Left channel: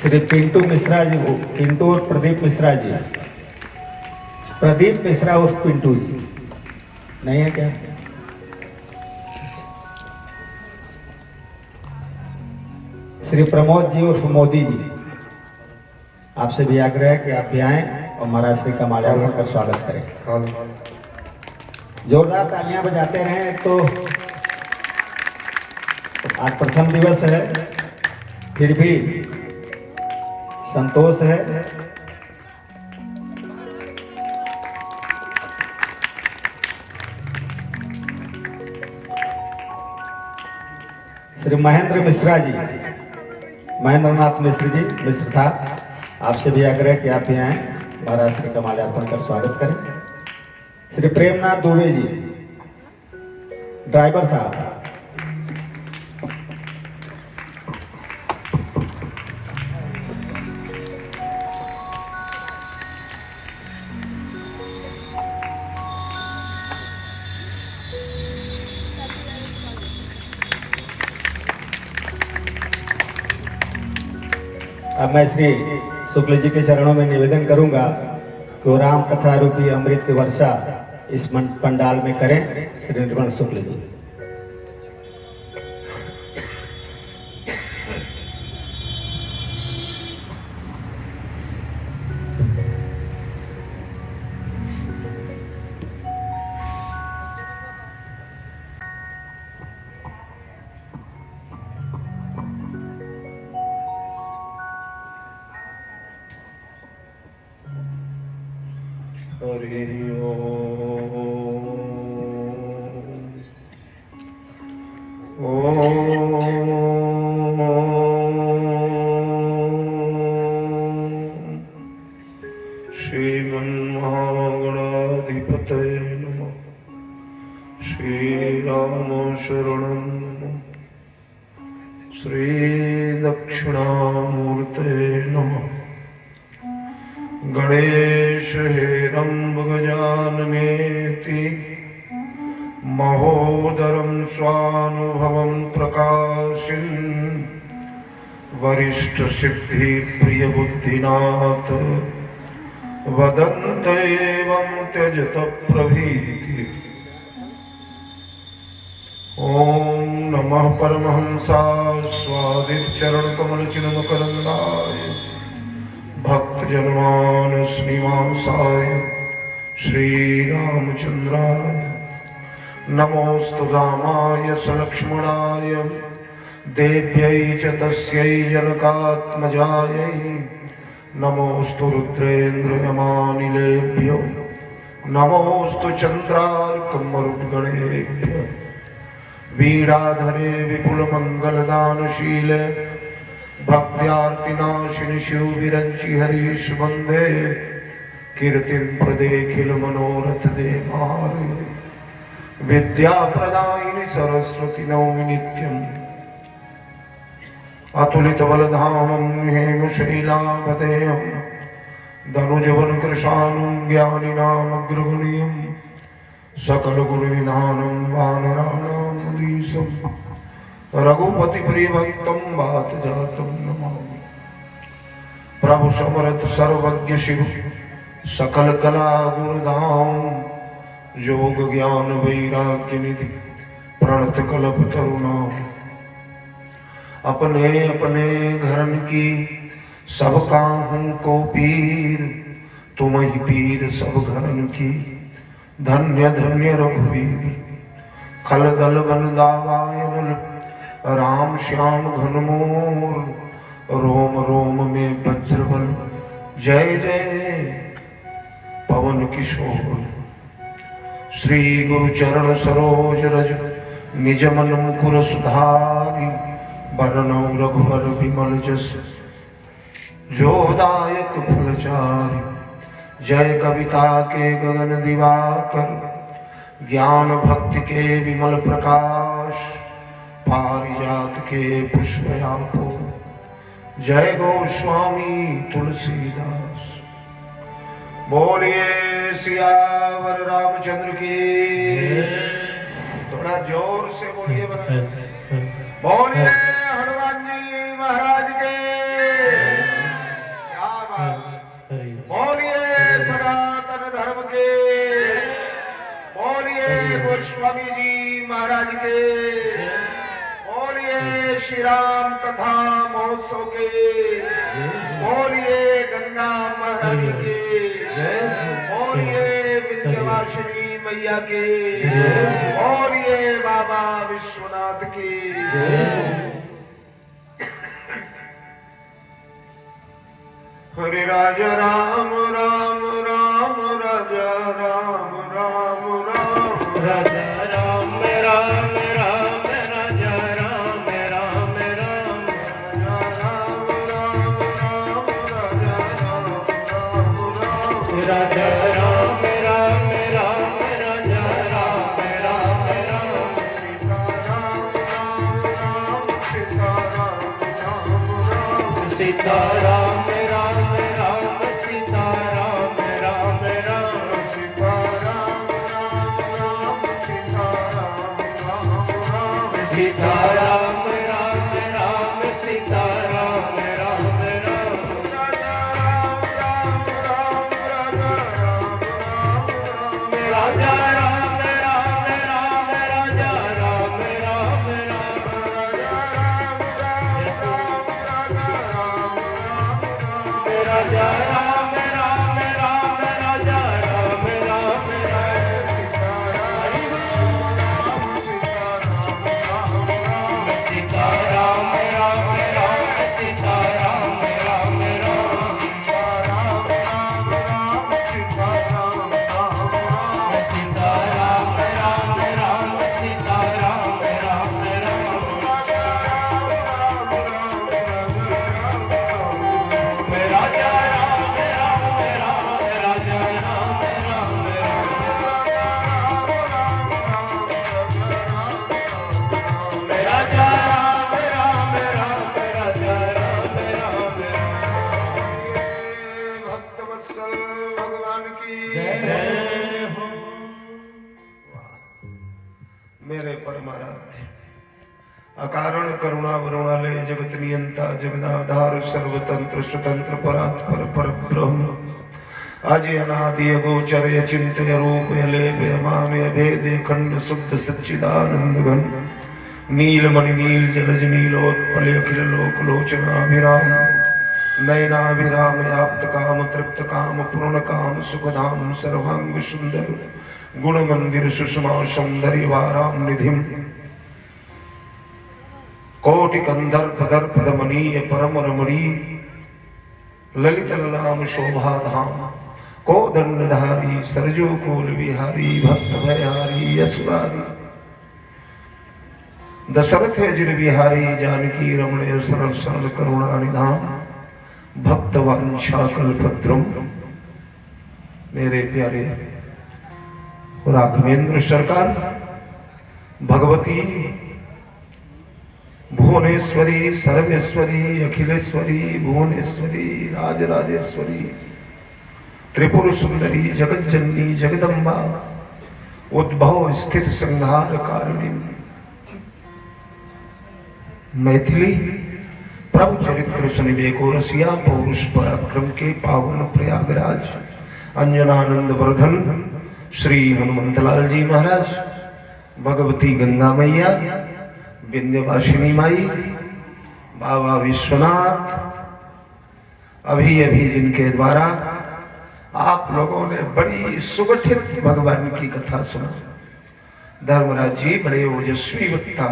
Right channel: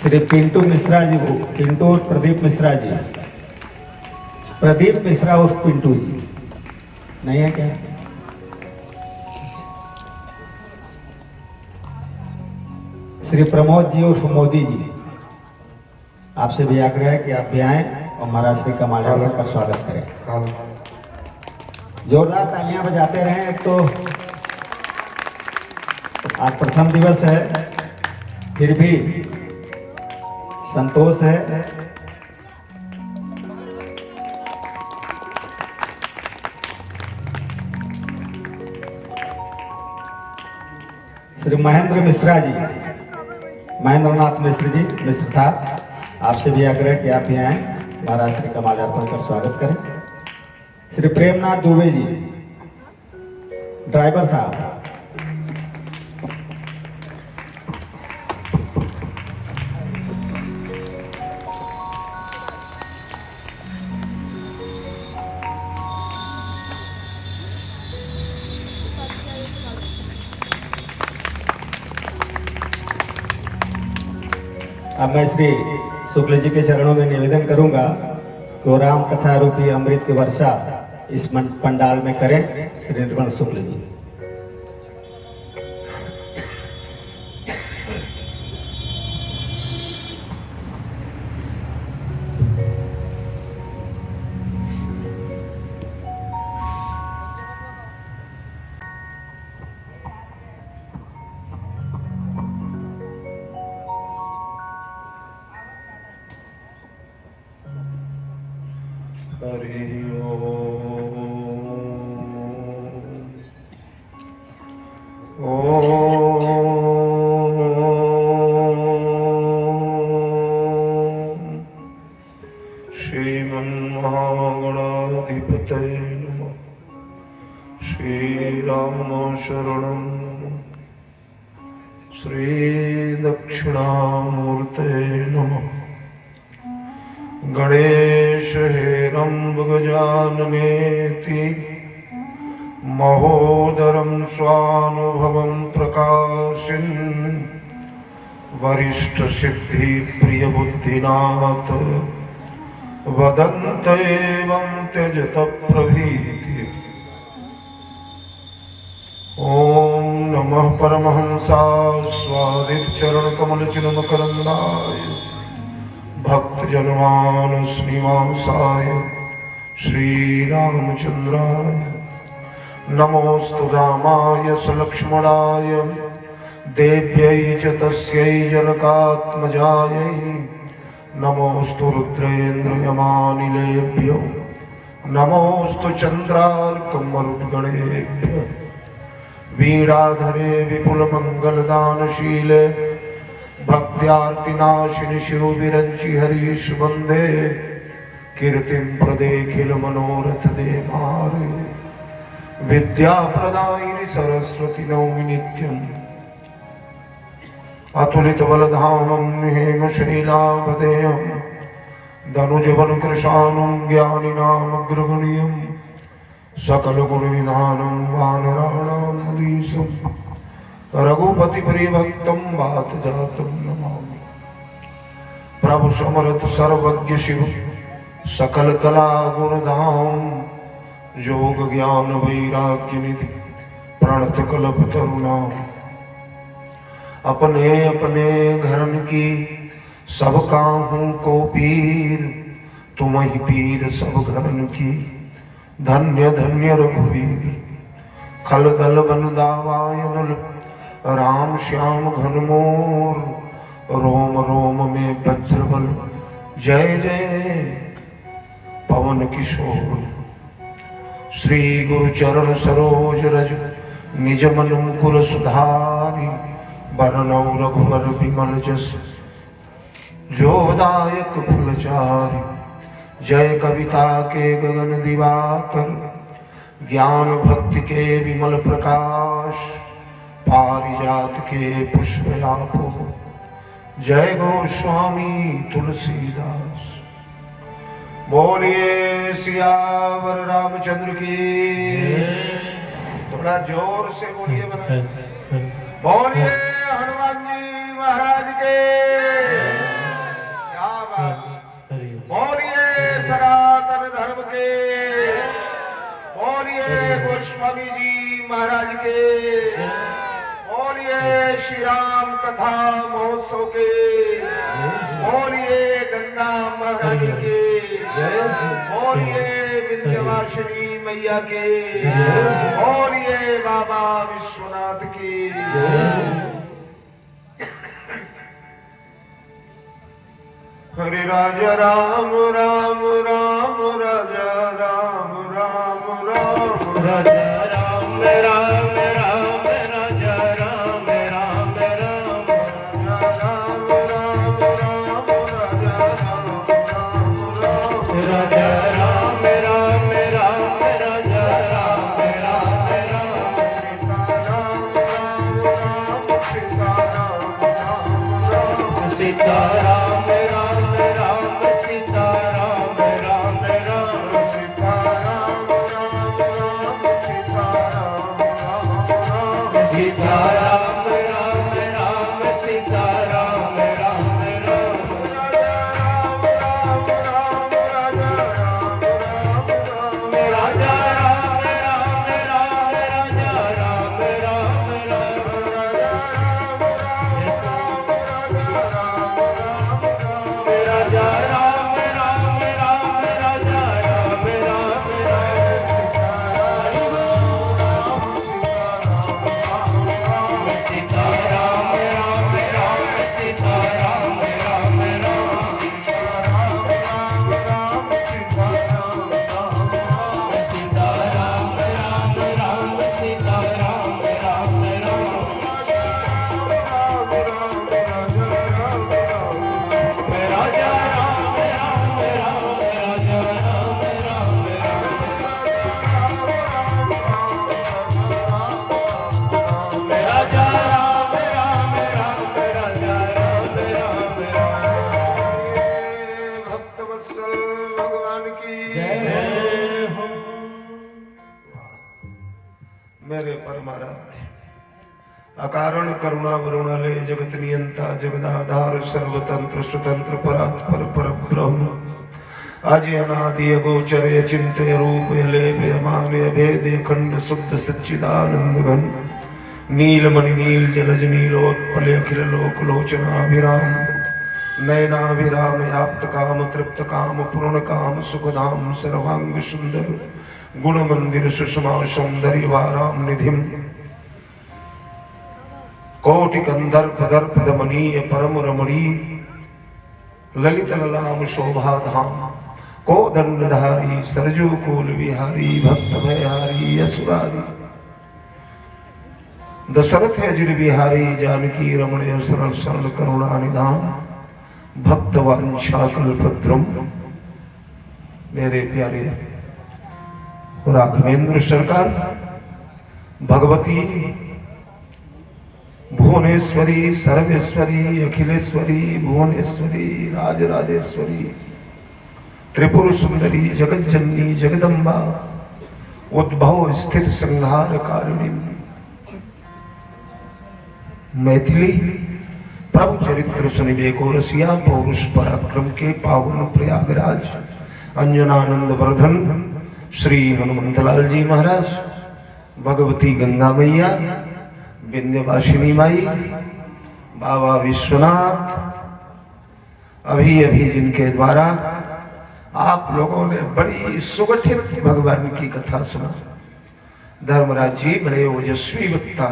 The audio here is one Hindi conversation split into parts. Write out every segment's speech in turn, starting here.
श्री पिंटू मिश्रा जी को, पिंटू और प्रदीप मिश्रा जी, प्रदीप मिश्रा उर्फ पिंटू जी नहीं है क्या? श्री प्रमोद जी उर्फ मोदी जी, आपसे भी आग्रह है कि आप भी आएं और महाराज श्री का माल्यार्पण का स्वागत करें। जोरदार तालियां बजाते रहें। एक तो आज प्रथम दिवस है, फिर भी संतोष है। श्री महेंद्र मिश्रा जी, महेंद्र नाथ मिश्र जी, मिश्र था, आपसे भी आग्रह कि आप यहाँ आए, महाराज श्री का माल्यार्पण कर स्वागत करें। श्री प्रेमनाथ दुबे जी, ड्राइवर साहब, अब मैं श्री शुक्ल जी के चरणों में निवेदन करूंगा कि वो राम कथा रूपी अमृत की वर्षा इस पंडाल में करें। श्री निर्मल शुक्ल जी। हरि श्रीमन्महागणाधिपतये नमः। श्रीराम शरणं नमः। श्रीदक्षिणामूर्ते नमः। गणेश हेरम्ब गजाननेति महोदरं स्वानुभवं प्रकाशिन् वरिष्ठसिद्धिप्रियबुद्धिनाथ वदन्त एवं त्यजत प्रभीति। ॐ नमः परमहंसास्वादितचरणकमलचिन्मकरन्दाय भक्तजनमानसनिवासाय श्रीरामचन्द्राय नमोऽस्तु रामाय सलक्ष्मणाय देव्यै च तस्यै जनकात्मजायै नमोऽस्तु रुद्रेन्द्रयमानिलेभ्यो नमोऽस्तु चन्द्रार्कमरुद्गणेभ्यो वीणाधरे विपुलमङ्गलदानशीले भक्त्यार्तिनाशिनि शिवविरञ्चि हरीश वन्दे कीर्तिं प्रदेखिल मनोरथ देवारे विद्याप्रदायिनि सरस्वती नौमि नित्यम् अतुलितबलधामं हेमशैलावदेयं दनुजवनकृशानं ज्ञानिनामग्रगण्यं सकलगुणविधानं वानराणामधीशं रघुपतिप्रियभक्तं वातजातं नमामि। प्रभु समर्थ सर्वज्ञ शिव सकल कला गुणधाम योग ज्ञान वैराग्य निधि प्रणत कल्प तरुणाम। अपने अपने घरन की सब काहू को पीर तुम ही पीर सब घरन की धन्य धन्य रघुवीर। खल दल बन दावायन राम श्याम घन मोर रोम रोम में वज्रबल जय जय पवन किशोर। श्री गुरु चरण सरोज रज निज मन मुकुर सुधारी बरनौ रघुवर विमल जस जोदायक फलचारी। जय कविता के गगन दिवाकर ज्ञान भक्ति के विमल प्रकाश पारिजात के पुष्पयापो जय गोस्वामी तुलसीदास। बोलिए सियावर रामचंद्र की। थोड़ा जोर से बोलिए बोलिए हनुमान जी महाराज के। बोलिए सनातन धर्म के, बोलिए गोस्वामी जी महाराज के, बोलिए श्री राम कथा महोत्सव के, बोलिए गंगा महारानी के, बोलिए विंध्यवासिनी मैया के, बोलिए बाबा विश्वनाथ की। हरे राजा राम राम राम राजा राम राम राम राजा राम राम राम राजा राम राम राम राजा राम राम राम राजा राम राम राम राजा राम राम राम राजा राम राम राम सीता राम राम राम सीता राम राम राम सीता राम राम राम सीता राम राम सीता राम राम राम सीता राम राम राम राजा राम राम राम राजा राम राम राम राजा राम राम राम राजा राम राम सीता राम राम राम सीता राम राम राम सीता राम राम राम सीता राम राम राजा राम राम राम राजा राम राम राजा राम राम राम राजा राम राम भक्तवत्सल भगवान की जय हो। मेरे परमाराध्य अकारण करुणा वरुणालय जगत नियंता जगदाधार सर्वतंत्र स्वतंत्र परात्पर परब्रह्म आदि अनादि गोचर चिंत्य रूप लेप मान भेद खंड शुद्ध सच्चिदानंद घन नीलमणि नील जलज नीलोत्पल अखिल लोक लोचनाभिराम नयनाभिराम याप्त काम तृप्त काम पूर्ण काम सुखधाम सर्वांग सुंदर गुण मंदिर सुषमा सौंदर्य वाराम निधिम कोटि कंदर्प दर्प दमनीय परम रमणी ललित ललाम शोभा धाम को दंडधारी सरजो कोल विहारी भक्त भयहारी यसुरारी दशरथ अजिर बिहारी जानकी रमण सरल सरल करुणा निधान भक्त वांछा कल्पद्रुम। मेरे प्यारे राघवेंद्र सरकार भगवती भुवनेश्वरी सर्वेश्वरी अखिलेश्वरी भुवनेश्वरी राजराजेश्वरी त्रिपुर सुंदरी जगत जननी जगदम्बा उद्भव स्थित संहार कारिणी मैथिली प्रभु चरित्र सुनिबे को रसिया पौरुष पराक्रम के पावन प्रयागराज अंजनानंद वर्धन श्री हनुमंतलाल जी महाराज भगवती गंगा मैया विंध्यवासिनी माई बाबा विश्वनाथ अभी अभी जिनके द्वारा आप लोगों ने बड़ी सुगठित भगवान की कथा सुना। धर्मराज जी बड़े ओजस्वी वक्ता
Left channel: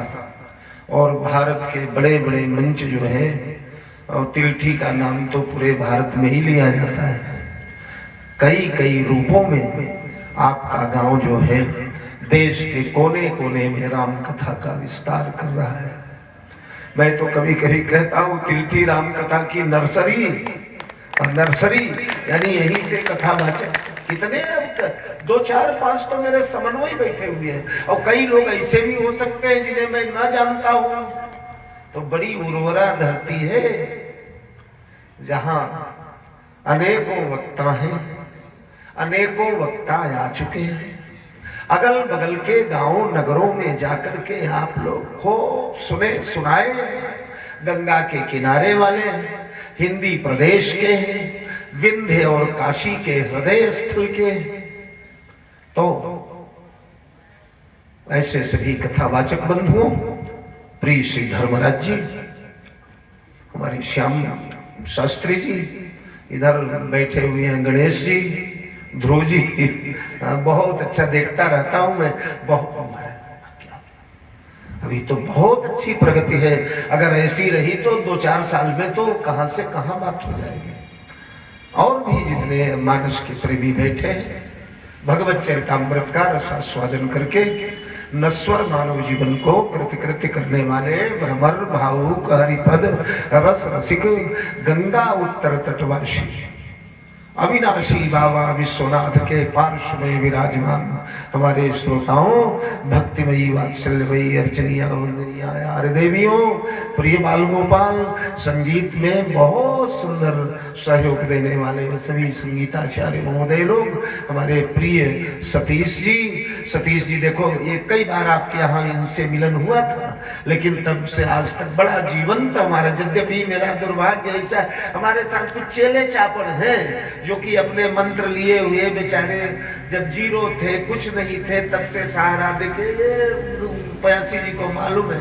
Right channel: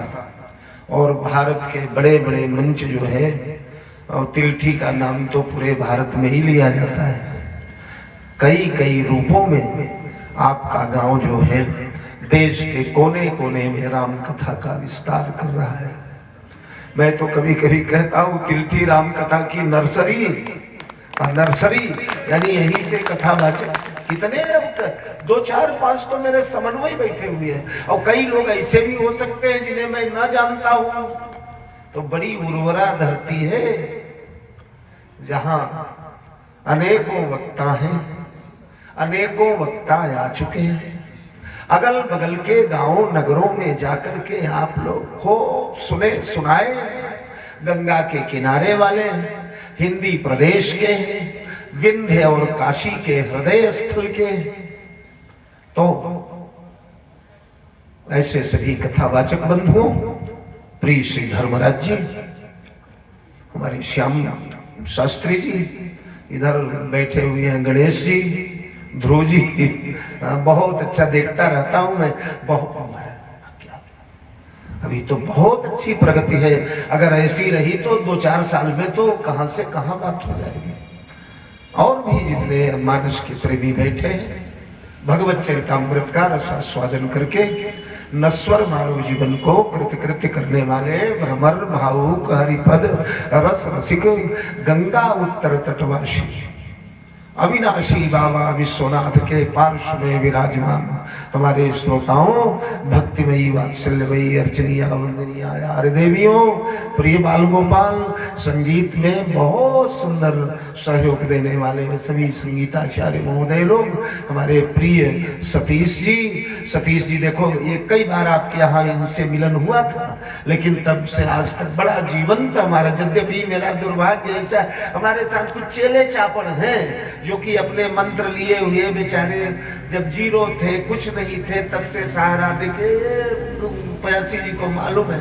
और भारत के बड़े बड़े मंच जो है और तिलठी का नाम तो पूरे भारत में ही लिया जाता है। कई कई रूपों में आपका गांव जो है देश के कोने कोने में राम कथा का विस्तार कर रहा है। मैं तो कभी कभी कहता हूँ तिलठी राम कथा की नर्सरी नर्सरी यानी यहीं से कथा वाचक कितने अब तक 2 4 5 तो मेरे समन्वय बैठे हुए हैं और कई लोग ऐसे भी हो सकते हैं जिन्हें मैं न जानता हूं। तो बड़ी उर्वरा धरती है जहां अनेकों वक्ता हैं, अनेकों वक्ता आ चुके हैं। अगल बगल के गांवों नगरों में जाकर के आप लोग खूब सुने सुनाए। गंगा के किनारे वाले हैं, हिंदी प्रदेश के हैं, विंध्य और काशी के हृदय स्थल के। तो ऐसे सभी कथावाचक बंधुओं, प्रिय श्री धर्मराज जी, हमारे श्याम शास्त्री जी, इधर बैठे हुए हैं गणेश जी, ध्रुव जी, बहुत अच्छा देखता रहता हूं मैं। बहुत अभी तो बहुत अच्छी प्रगति है, अगर ऐसी रही तो 2-4 साल में तो कहां से कहां बात हो जाएगी। और भी जितने मानस के प्रेमी बैठे हैं, भगवत चरितामृत का रसास्वादन करके नश्वर मानव जीवन को कृतकृत्य करने वाले भ्रमर भावुक हरिपद रस रसिक गंगा उत्तर तटवासी अविनाशी बाबा विश्वनाथ के पार्श्व में विराजमान हमारे श्रोताओं, भक्तिमयी वात्सल्यमयी अर्चनीय वंदनीय यार देवियों, प्रिय बाल गोपाल, संगीत में बहुत सुंदर सहयोग देने वाले सभी संगीताचार्य महोदय लोग, हमारे प्रिय सतीश जी देखो, ये कई बार आपके यहाँ इनसे मिलन हुआ था, लेकिन तब से आज तक बड़ा जीवंत हमारा, यद्यपि मेरा दुर्भाग्य ऐसा हमारे साथ कुछ चेले चापड़ हैं जो कि अपने मंत्र लिए हुए बेचारे जब जीरो थे, कुछ नहीं थे, तब से सहारा देके, पयासी जी को मालूम है,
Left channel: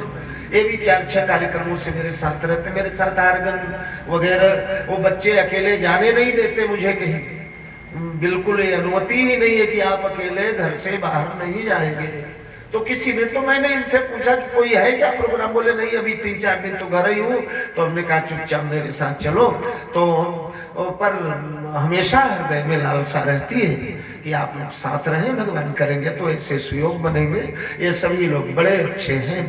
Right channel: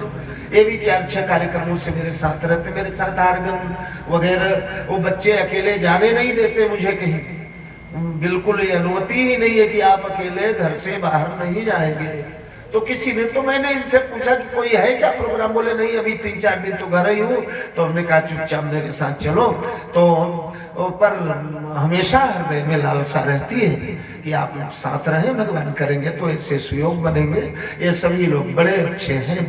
ये भी 4-6 कार्यक्रमों से मेरे साथ रहते, मेरे साथ आर्गन वगैरह। वो बच्चे अकेले जाने नहीं देते मुझे कहीं, बिल्कुल ये अनुमति ही नहीं है कि आप अकेले घर से बाहर नहीं जाएंगे। तो किसी ने, तो मैंने इनसे पूछा कि कोई है क्या प्रोग्राम, बोले नहीं अभी 3-4 दिन तो घर ही हूँ। तो हमने कहा चुपचाप मेरे साथ चलो। तो पर हमेशा हृदय में लालसा रहती है कि आप लोग साथ रहें, भगवान करेंगे तो ऐसे सुयोग बनेंगे। ये सभी लोग बड़े अच्छे हैं।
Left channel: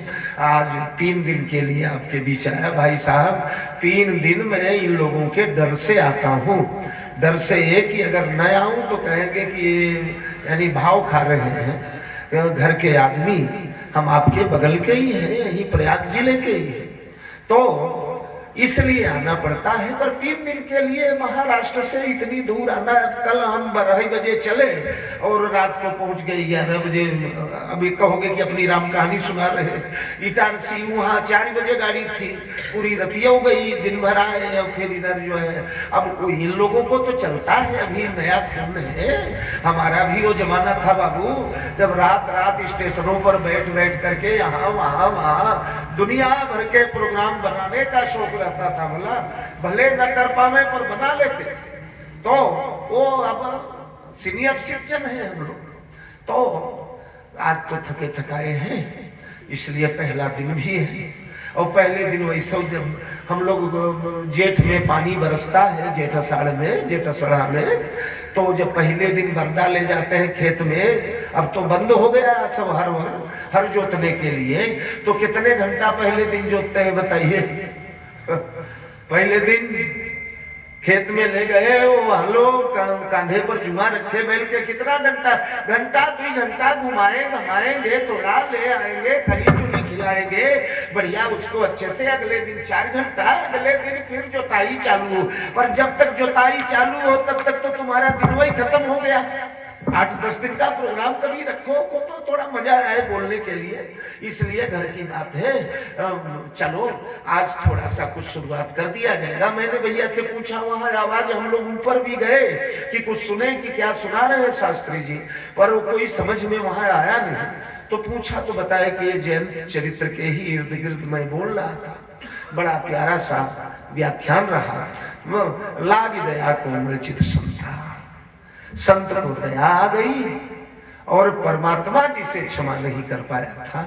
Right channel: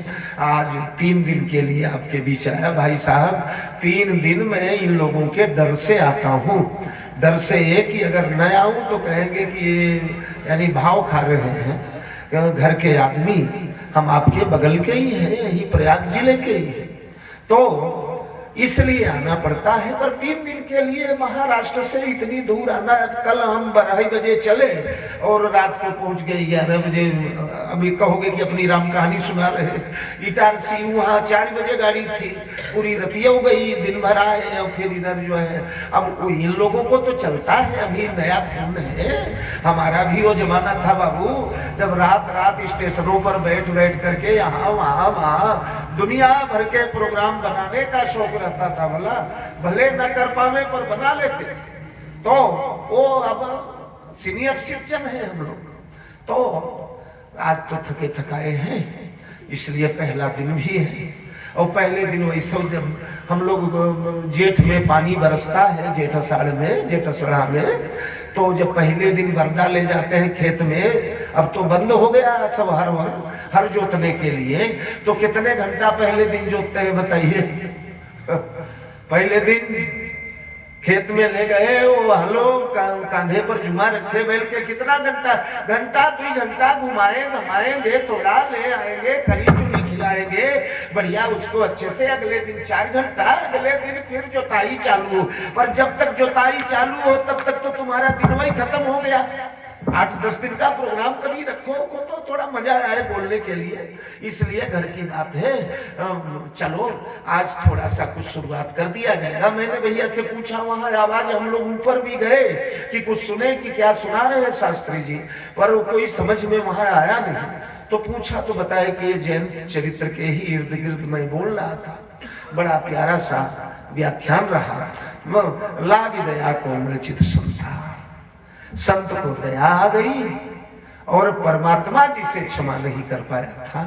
आज 3 दिन के लिए आपके बीच आया भाई साहब। 3 दिन मैं इन लोगों के डर से आता हूँ, डर से ये कि अगर न आऊं तो कहेंगे कि ये यानी भाव खा रहे हैं। घर के आदमी हम आपके बगल के ही हैं, यही प्रयाग जिले के ही हैं, तो इसलिए आना पड़ता है। पर 3 दिन के लिए महाराष्ट्र से इतनी दूर आना, कल हम 2:30 बजे चले और रात को पहुंच गए 11 बजे। अभी कहोगे कि अपनी राम कहानी सुना रहे। इटारसी वहां 4 बजे गाड़ी थी, पूरी रतिया हो गई, दिन भर आए और फिर इधर जो है। अब इन लोगों को तो चलता है, अभी नया खून है, हमारा भी वो जमाना था बाबू, जब रात स्टेशनों पर बैठ करके यहाँ वहाँ दुनिया भर के प्रोग्राम बनाने का शौक रहता था। भले न कर पावे पर बना लेते। तो वो अब सीनियर सिटीजन है हम लोग, तो आज तो थके थकाए हैं, इसलिए पहला दिन भी है। और पहले दिन वैसे जब हम लोग जेठ में पानी बरसता है, जेठ अषाढ़ा में, तो जब पहले दिन बरदा ले जाते हैं खेत में, अब तो बंद हो गया सब हर जोतने के लिए, तो कितने घंटा पहले दिन जोतते हैं बताइए। पहले दिन खेत में ले गए, वो हलो कांधे पर जुमा रखे बैल के, कितना घंटा 2 घंटा घुमाएंगे, थोड़ा ले आएंगे, खरी चुनी खिलाएंगे बढ़िया उसको अच्छे से। अगले दिन 4 घंटा, अगले दिन फिर जोताई चालू। पर जब तक जोताई चालू हो तब तक तो तुम्हारा दिन वही खत्म हो गया। 8-10 दिन का प्रोग्राम कभी रखो को तो थोड़ा मजा आए बोलने के लिए, इसलिए घर की बात है। चलो आज थोड़ा सा कुछ शुरुआत कर दिया जाएगा। मैंने भैया से पूछा, वहां आवाज हम लोग ऊपर भी गए कि कुछ सुने कि क्या सुना रहे हैं शास्त्री जी, पर वो कोई समझ में वहां आया नहीं। तो पूछा तो बताया कि ये जयंत चरित्र के ही इर्द गिर्द मैं बोल रहा था। बड़ा प्यारा सा व्याख्यान रहा। लागी दया कोमल चित सुनता, संत को दया आ गई और परमात्मा जिसे क्षमा नहीं कर पाया था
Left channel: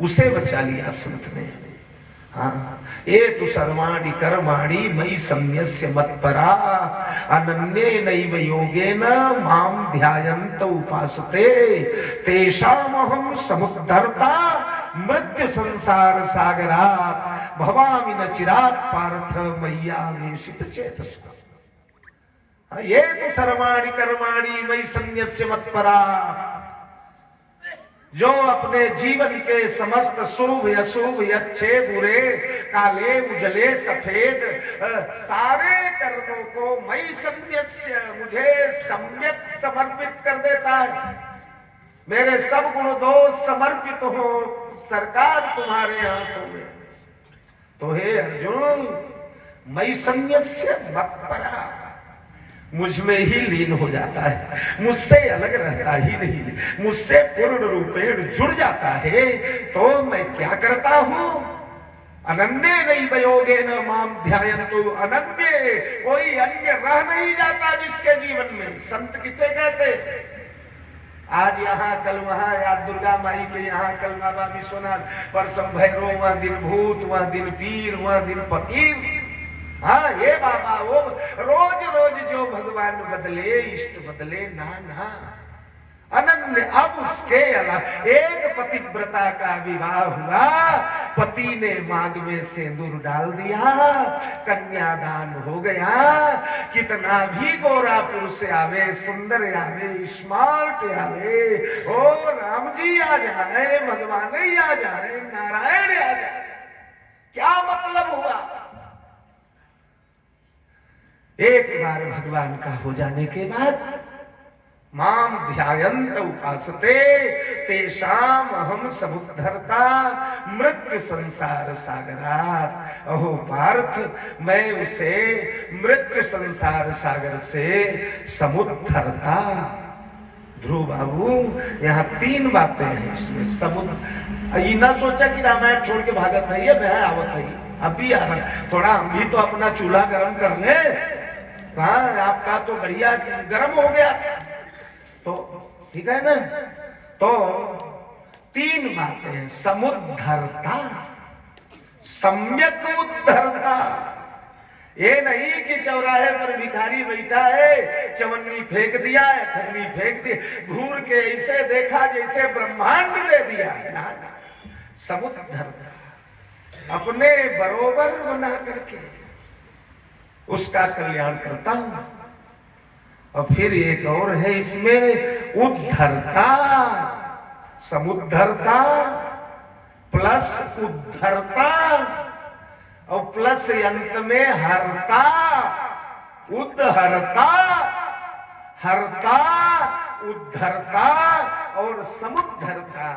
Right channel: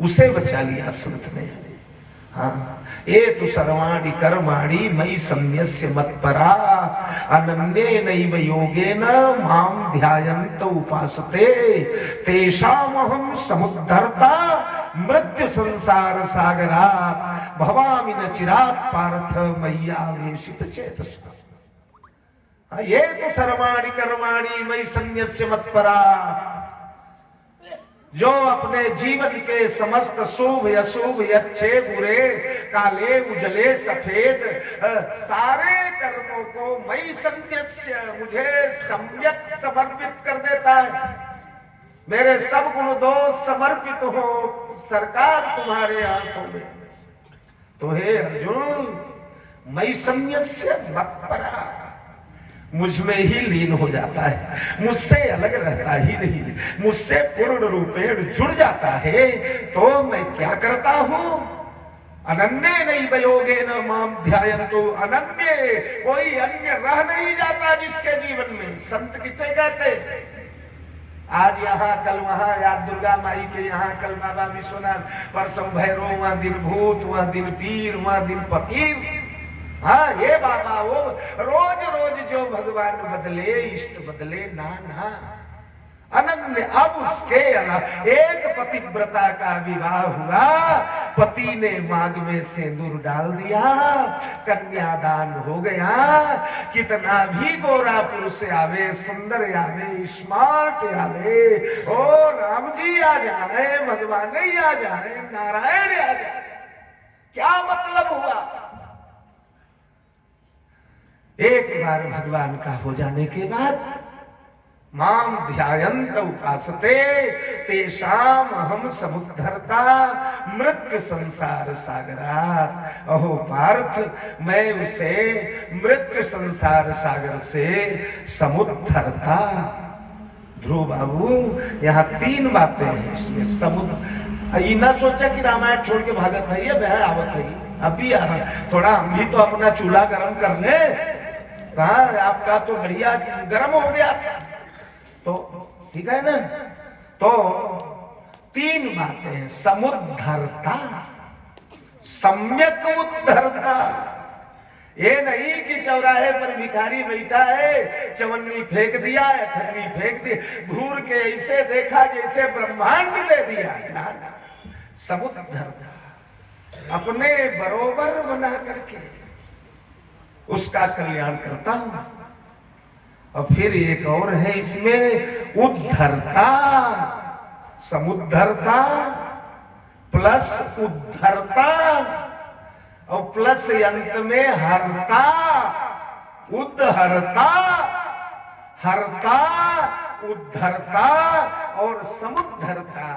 उसे बचा लिया संत ने। हाँ, ए तु सर्वाणि कर्माणि मयि सन्न्यस्य मत्परा अनन्ये नैव योगेन मां ध्यायन्त उपासते तेषामहं समुद्धर्ता मृत्यु संसार सागरात् भवामि न चिरात् पार्थ मय्यावेशित चेतसः। ये तो सर्वाणि कर्माणि मयि सन्न्यस्य मत्परा, जो अपने जीवन के समस्त शुभ अशुभ, अच्छे बुरे, काले उजले सफेद सारे कर्मों को मयि सन्न्यस्य, मुझे सम्यक समर्पित कर देता है। मेरे सब गुण दोष समर्पित हो सरकार तुम्हारे हाथों में। तो हे अर्जुन, मयि सन्न्यस्य मत्परा, मुझ में ही लीन हो जाता है, मुझसे अलग रहता ही नहीं, मुझसे पूर्ण रूपेण जुड़ जाता है। तो मैं क्या करता हूं? अनन्य नहीं वयोगे न माम ध्यायन्तु, अनन्य कोई अन्य रह नहीं जाता जिसके जीवन में। संत किसे कहते? आज यहाँ कल वहां, याद दुर्गा माई के यहाँ, कल बाबा विश्वनाथ, परसों भैरव, वहां दिन भूत, वहां दिन पीर, वहां दिन फकीर। हाँ, ये बाबा वो रोज रोज जो भगवान बदले, इष्ट बदले ना ना, अनन्य। अब उसके अलावा एक पतिव्रता का विवाह हुआ, पति ने मांग में सिंदूर डाल दिया, कन्यादान हो गया। कितना भी गोरा पुरुष आवे, सुंदर आवे, स्मार्ट आवे, ओ राम जी आ जाए, भगवान ही आ जाए, नारायण आ जाए, क्या मतलब हुआ? एक बार भगवान का हो जाने के बाद, माम ध्यायन्त उपासते तेषाम अहम समुद्धरता मृत्यु संसार सागरात। अहो पार्थ, मैं उसे मृत्यु संसार सागर से समुद्धरता। ध्रुव बाबू, यहाँ 3 बातें हैं इसमें। समुद्र, ना सोचा कि रामायण छोड़ के भागत है, ये बह आवत है, अभी आ रहा, थोड़ा हम भी तो अपना चूल्हा गर्म कर ले। हाँ, आपका तो बढ़िया गर्म हो गया था, तो ठीक है ना। तो 3 बातें, समुद्धरता, सम्यक उद्धरता। ये नहीं कि चौराहे पर भिखारी बैठा है, चवन्नी फेंक दिया, ठन्नी फेंक दी, घूर के ऐसे देखा जैसे ब्रह्मांड दे दिया। ना ना, समुद्धरता, अपने बरोबर बना करके उसका कल्याण करता हूं। और फिर एक और है इसमें, उद्धरता, समुद्धरता प्लस उद्धरता, और प्लस अंत में हरता, उद्धरता, हरता, उद्धरता और समुद्धरता।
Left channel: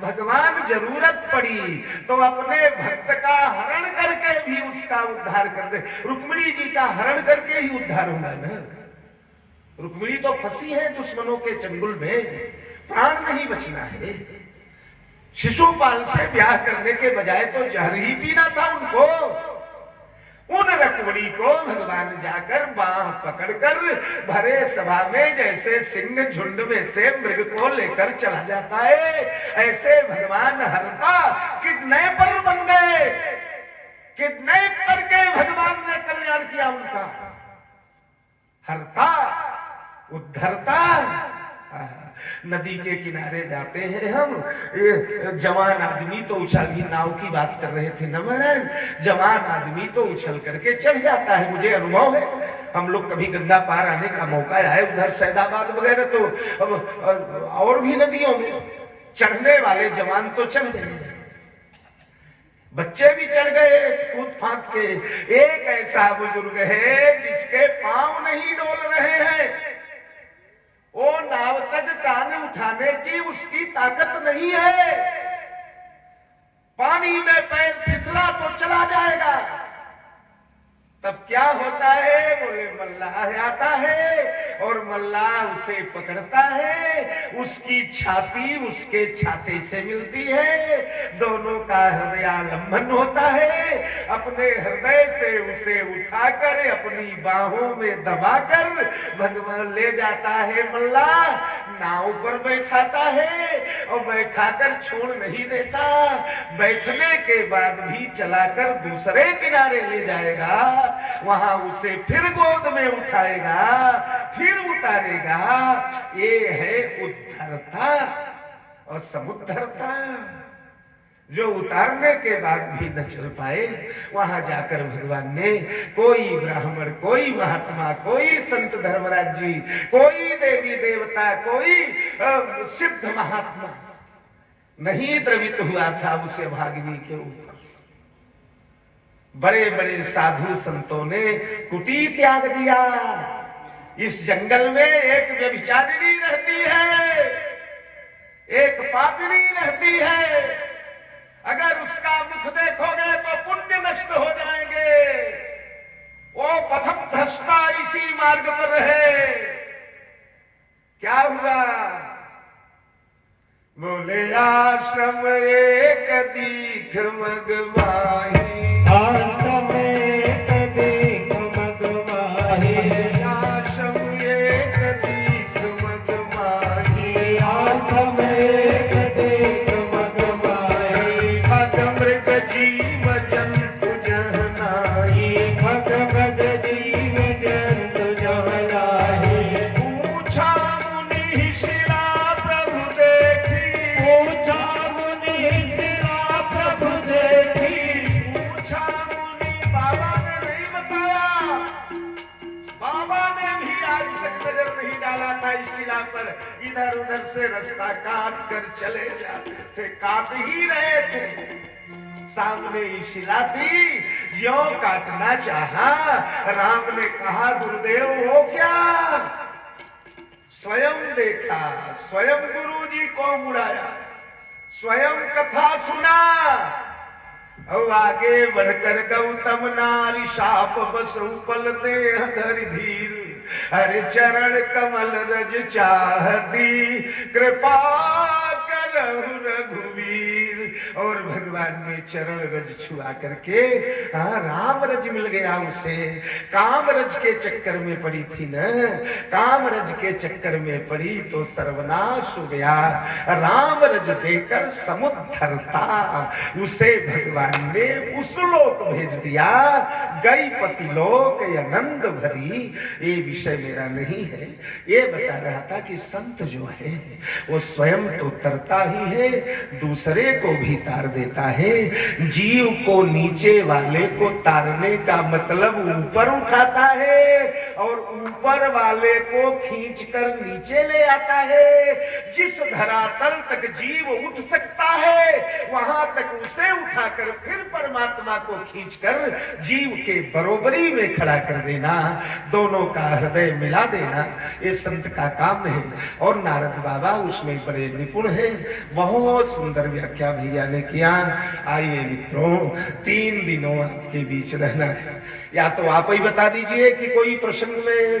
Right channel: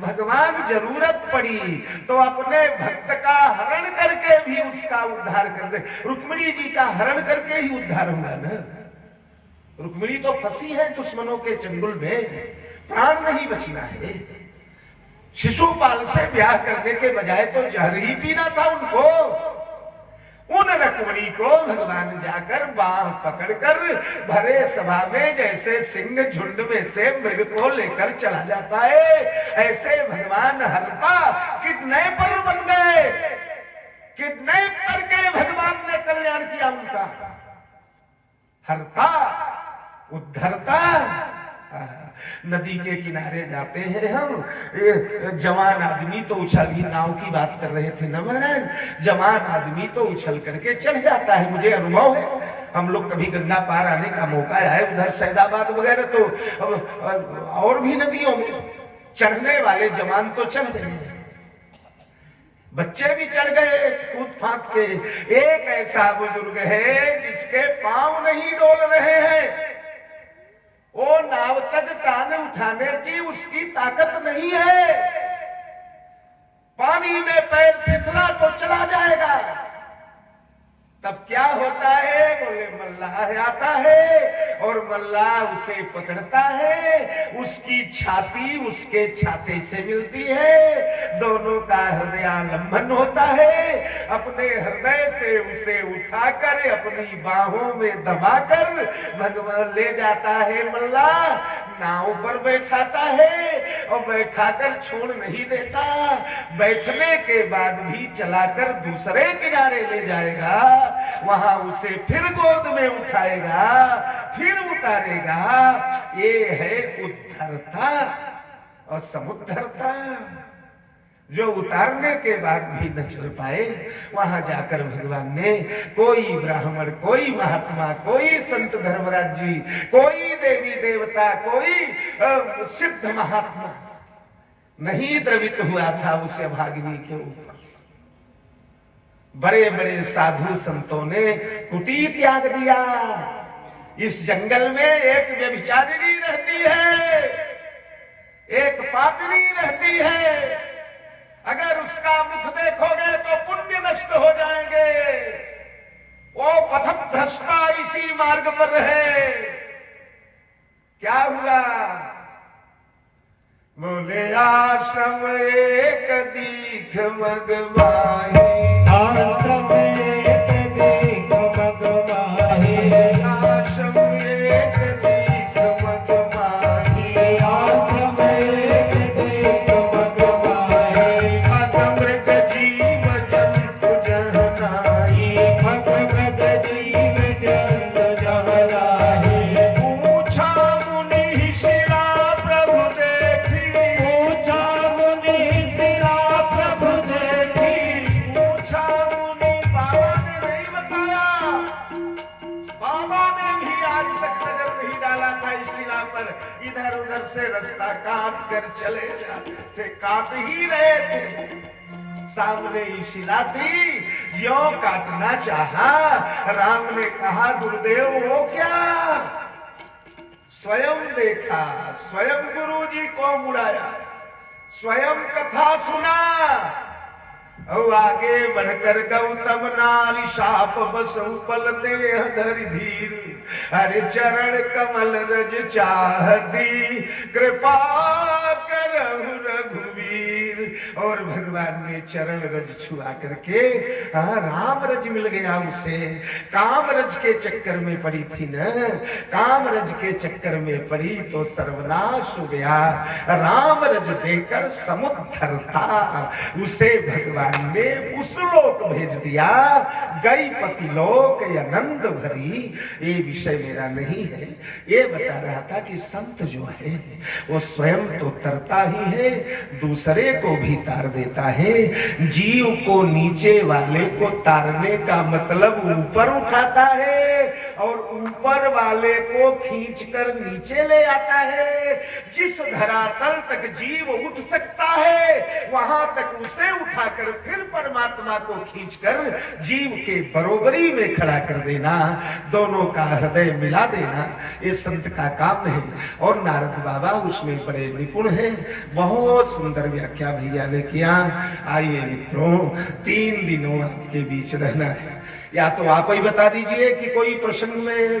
भगवान जरूरत पड़ी तो अपने भक्त का हरण करके भी उसका उद्धार कर दे। रुक्मिणी जी का हरण करके ही उद्धार हुआ ना। रुक्मिणी तो फंसी है दुश्मनों के चंगुल में, प्राण नहीं बचना है। शिशुपाल से ब्याह करने के बजाय तो जहर ही पीना था उनको। उन रुक्मिणी को भगवान जाकर बाह पकड़कर भरे सभा में जैसे सिंह झुंड में से मृग को लेकर चला जाता है, ऐसे भगवान हरता किडनैपर बन गए। किडनैप करके भगवान ने कल्याण किया उनका। हरता, उद्धरता। नदी के किनारे जाते हैं हम, जवान आदमी तो उछल ही, नाव की बात कर रहे थे ना महाराज, जवान आदमी तो उछल करके चढ़ जाता है। मुझे अनुभव है, हम लोग कभी गंगा पार आने का मौका आए उधर सैदाबाद वगैरह, तो अब और भी नदियों में चढ़ने वाले जवान तो चढ़ गए, बच्चे भी चढ़ गए कूद फांद के। एक ऐसा बुजुर्ग है जिसके पांव नहीं डोल रहे हैं, वो नाव तक टांग उठाने की उसकी ताकत नहीं है। पानी में पैर फिसला तो चला जाएगा। तब क्या होता है? बोले मल्लाह आता है और मल्लाह उसे पकड़ता है, उसकी छाती उसके छाते से मिलती है, दोनों का हृदयालंबन होता है। अपने हृदय से उसे उठाकर अपनी बाहों में दबाकर भगवान ले जाता है। मल्लाह नाव पर बैठाता है और बैठाकर छोड़ नहीं देता, बैठने के बाद भी चलाकर दूसरे किनारे ले जाएगा, वहां उसे फिर गोद में उठाएगा, फिर उतारेगा। ये है उद्धरता और समुद्धरता। जो उतारने के बाद भी न चल पाए, वहां जाकर भगवान ने कोई ब्राह्मण, कोई महात्मा, कोई संत धर्मराज जी, कोई देवी देवता, कोई सिद्ध महात्मा नहीं द्रवित हुआ था उस भागिनी के ऊपर। बड़े बड़े साधु संतों ने कुटी त्याग दिया। इस जंगल में एक व्यभिचारिणी रहती है, एक पापिनी रहती है, अगर उसका मुख देखोगे तो पुण्य नष्ट हो जाएंगे। वो पथभ्रष्टा इसी मार्ग पर रहे। क्या हुआ? बोले आश्रम एक दीख मगवाही, आश्रम एक दीख मगवाही, आश्रम एक दीख मगवाही, आश्रम एक दीख मगवाही, भग मृग जीव जंतु जहनाई, भग भग जीव जंतु जहनाही, पूछा मुनि शिला प्रभु देखी, पूछा मुनि शिला प्रभु देखी, पूछा मुनि, बाबा ने नहीं बताया, बाबा ने भी आज तक नजर नहीं डाला था इस शिला पर। इधर उधर से रास्ता काट कर चले जाते थे, काट ही रहे थे। सामने ही शिला थी, ज्यों काटना चाहा, राम ने कहा गुरुदेव वो क्या? स्वयं देखा, स्वयं गुरु जी को मुड़ाया, स्वयं कथा सुना। और आगे बढ़कर गौतम नारी शाप बसु पल देह धरि धीर, हरि चरण कमल रज चाहती, कृपा करहु रघुवीर। और भगवान ने चरण रज छुआ करके राम रज मिल गया उसे। काम रज के चक्कर में पड़ी थी न, काम रज के चक्कर में पड़ी तो सर्वनाश हो गया। राम रज देकर समुद्धरता उसे भगवान ने उस लोक भेज दिया, गई पति लोक या नंद भरी। ये विषय मेरा नहीं है, ये बता रहा था कि संत जो है वो स्वयं तो तरता ही है, दूसरे को भी तार देता है। जीव को नीचे वाले को तारने का मतलब ऊपर उठाता है और ऊपर वाले को खींचकर नीचे ले आता है। जिस धरातल तक जीव उठ सकता है वहां तक उसे उठाकर फिर परमात्मा को खींचकर जीव के बरोबरी में खड़ा कर देना, दोनों का हृदय मिला देना, ये संत का काम है। और नारद बाबा उसमें बड़े निपुण हैं। बहुत सुंदर व्याख्या भैया ने किया। आइए मित्रों, 3 दिनों आपके बीच रहना है। या तो आप ही बता दीजिए कि कोई प्रसंग में